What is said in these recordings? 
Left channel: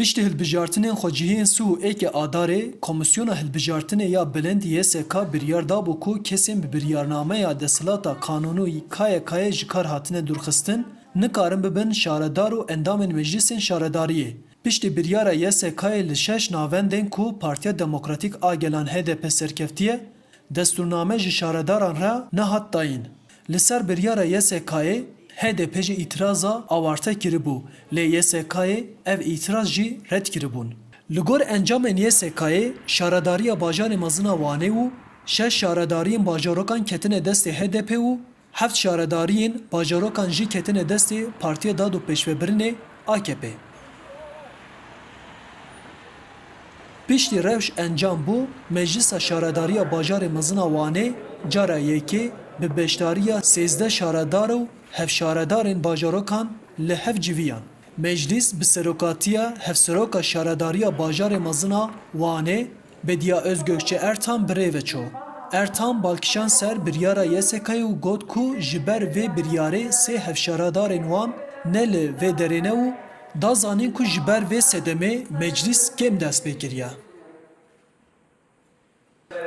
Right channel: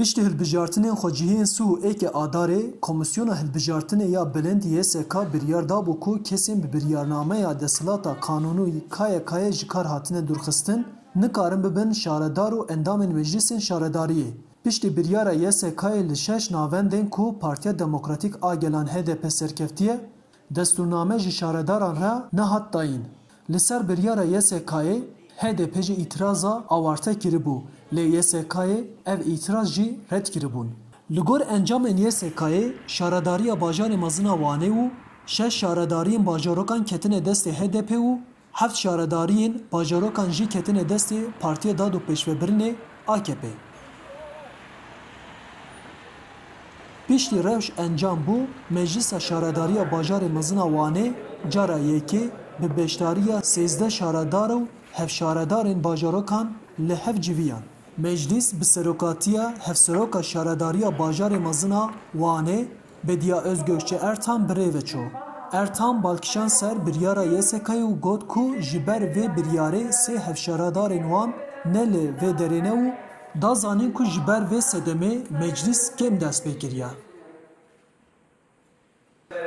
Piştî hilbijartinên xwecihiyên Sû û êkê Adarê, Komisyona Hilbijartinê ya Bilind YSK biryar dabû ku kesên bi biryarnameya desthilata kanûnî KYKyê ji kar hatine dûrxistin, nikarin bibin şaredar û endamên meclîsên şaredariyê. Piştî biryara YSKyê li 6 navendên ku Partiya Demokratîk a Gelan HDP serkeftiye, destûrname ji şaredaran re nehat dayîn. Li ser biryara YSKyê HDP jî îtiraza awarte kiribû, lê YSKyê ev îtiraz jî red kiribûn. Li gor encamên YSKyê, şaredariya bajarê mezin a Wanê û 6 şaredariyên bajarokan ketine destê HDP û 7 şaredariyên bajarokan jî ketine destê Partiya Dad û Pêşvebirinê AKP. Piştî rewş encam bû, Meclîsa Şaredariya Bajarê mezin a Wanê cara yekê bi beşdariya 13 şaredar û hevşaredarên bajarokan li hev civiyan. Meclîs bi serokatiya hevseroka Şaredariya Bajarê mezin a Wanê Bediya Özgökçe Ertan birê veço. Ertan balkişan ser biryara YSKyê û got ku ji ber vê biryarê sê hevşaredarên wan ne li vê derê ne û da zanîn ku ji ber vê sedemê meclîs kêm dest pê kiriye.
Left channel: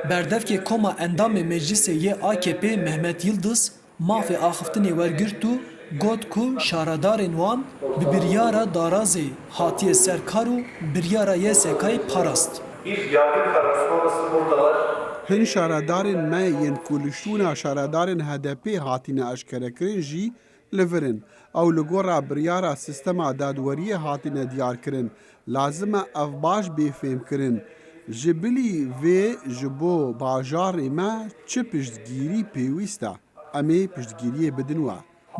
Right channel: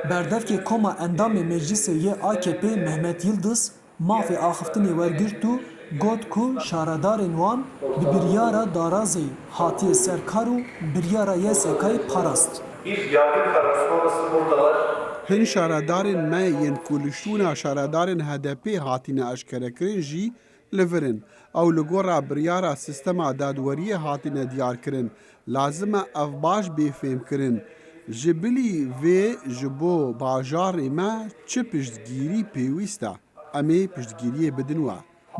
Berdevkê Koma Endamê Meclîsê yê AKP Mehmet Yıldız mafê axiftinê wergirt û got ku şaredarên wan bi biryara darazê hatiye ser kar û biryara YSKyê parast. Bir yargı kararı sonrası buradalar. Hin şaredarên me yên ku li şûna şaredarên HDP hatine eşkerekirin jî li vir in. Ew li gora biryara sistema dadweriyê hatine diyarkirin. Lazim e ev baş bêfêmkirin. Ji bilî vê ji bo bajarê me çi piştgirî pêwîst e? Em ê piştgiriyê bidin we.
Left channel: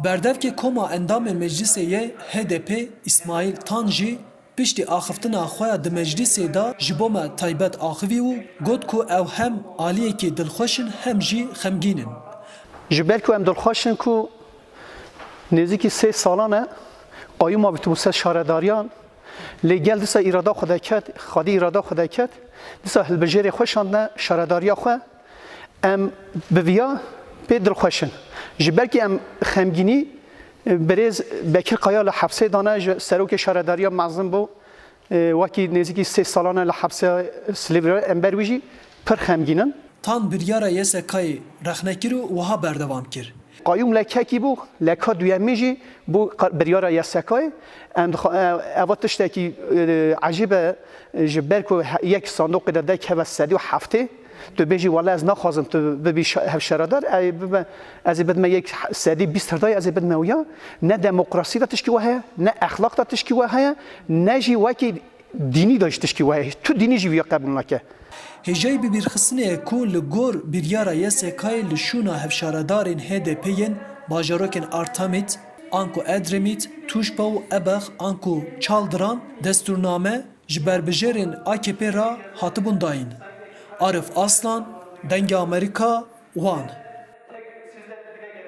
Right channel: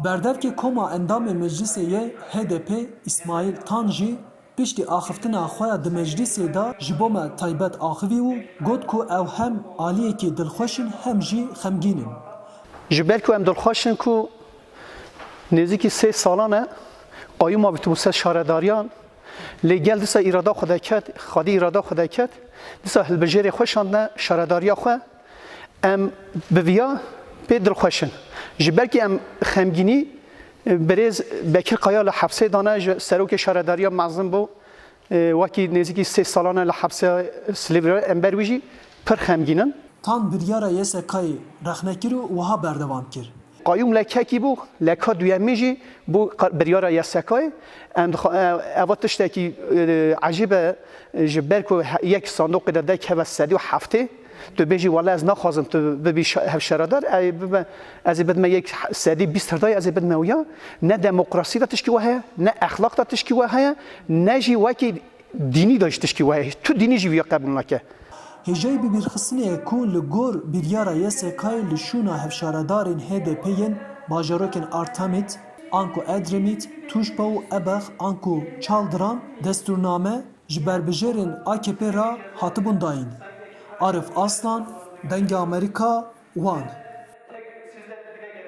Berdevkê Koma Endamê Meclîsê yê HDP İsmail Tan jî piştî axiftina xwe ya di meclîsê da ji bo me taybet axivî û got ku ew hem aliyekî dilxweş in hem jî xemgîn in. Ji ber ku em dilxweş in ku nêzîkî 3 salan e qayûma bitûse şaredariyan lê gel dîsa îrada xwe deket, xwedî îrada xwe deket, dîsa hilbijarê xwe şandine şaredariya xwe em bi viya pê dilxweş in. Ji ber ku em xemgînî Birêz Bekir Qaya li hepsê dane ji serokê şaredariya mezin bû wekî nêzîkî 3 salan e li hepsê Silêvîrê em ber wî jî pir xemgîn in. Tan biryara YSKyê rexnekir û wiha berdevam kir. Qayûm lekekî bû, leka duyemî jî bû biryara YSKyê. Em eva tiştekî ecîb e ji ber ku yek sandokê de dek heve sedî û heftê tu bêjî wala ez naxwazim tu bibî hevşaredar ez ê bidime yek sedî bîst herdayê ez ê bidime wiya ne demokrasî de tişkî we heye ne exlaq de tişkî we heye ne jî wekî dînî de ji tişkî we heye tu dînî jî wiya qebûl nake. Hêjayî bibîrxistinê ku li gor biryara YSKyê li şûna hevşaredarên HDP'yên bajarokên Artemît, Anku Edremît, Tuşba û Ebex Anku Çaldıran destûrname ji berbijêrên AKP ra hatibûn dayîn. Arif Aslan, Dengê Amerîka, Wan.